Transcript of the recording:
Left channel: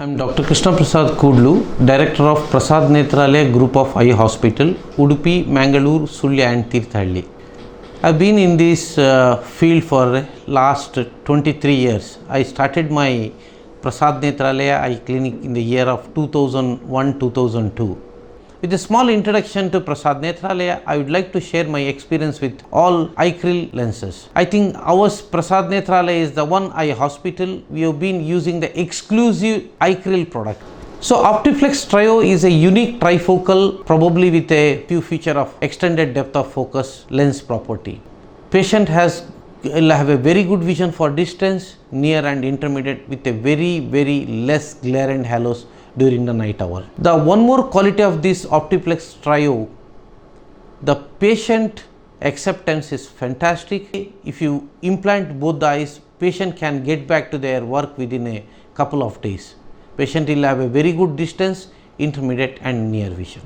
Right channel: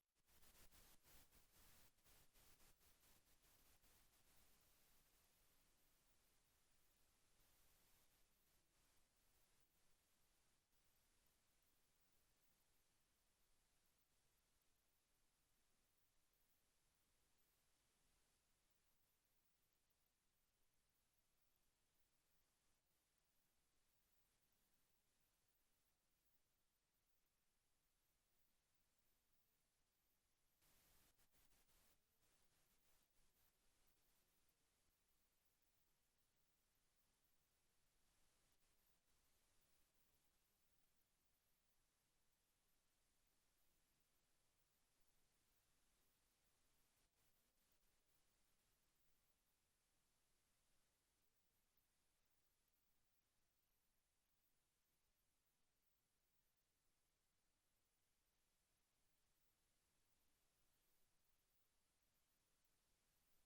I am Dr. Krishna Prasad Kudlu, Director of Prasad Netralaya Group of Eye Hospital, Udupi, Mangalore, Sulya and Tirthalli. I have been in this field for last 23 years. I started my Prasad Netralaya Eye Clinic in the year of 2001-2002. With a small introduction to Prasad Netralaya, I would like to share my experience with all eye-creal lenses. I think ours Prasad Netralaya is the one eye hospital we have been using the exclusive eye-creal product. So Optiflex Trio is a unique trifocal, probably with a few feature of extended depth of focus lens property. Patient will have a very good vision for distance, near and intermediate with a very less glare and halos during the night hour. The one more quality of this Optiflex Trio, the patient acceptance is fantastic. If you implant both the eyes, patient can get back to their work within a couple of days. Patient will have a very good distance, intermediate and near vision.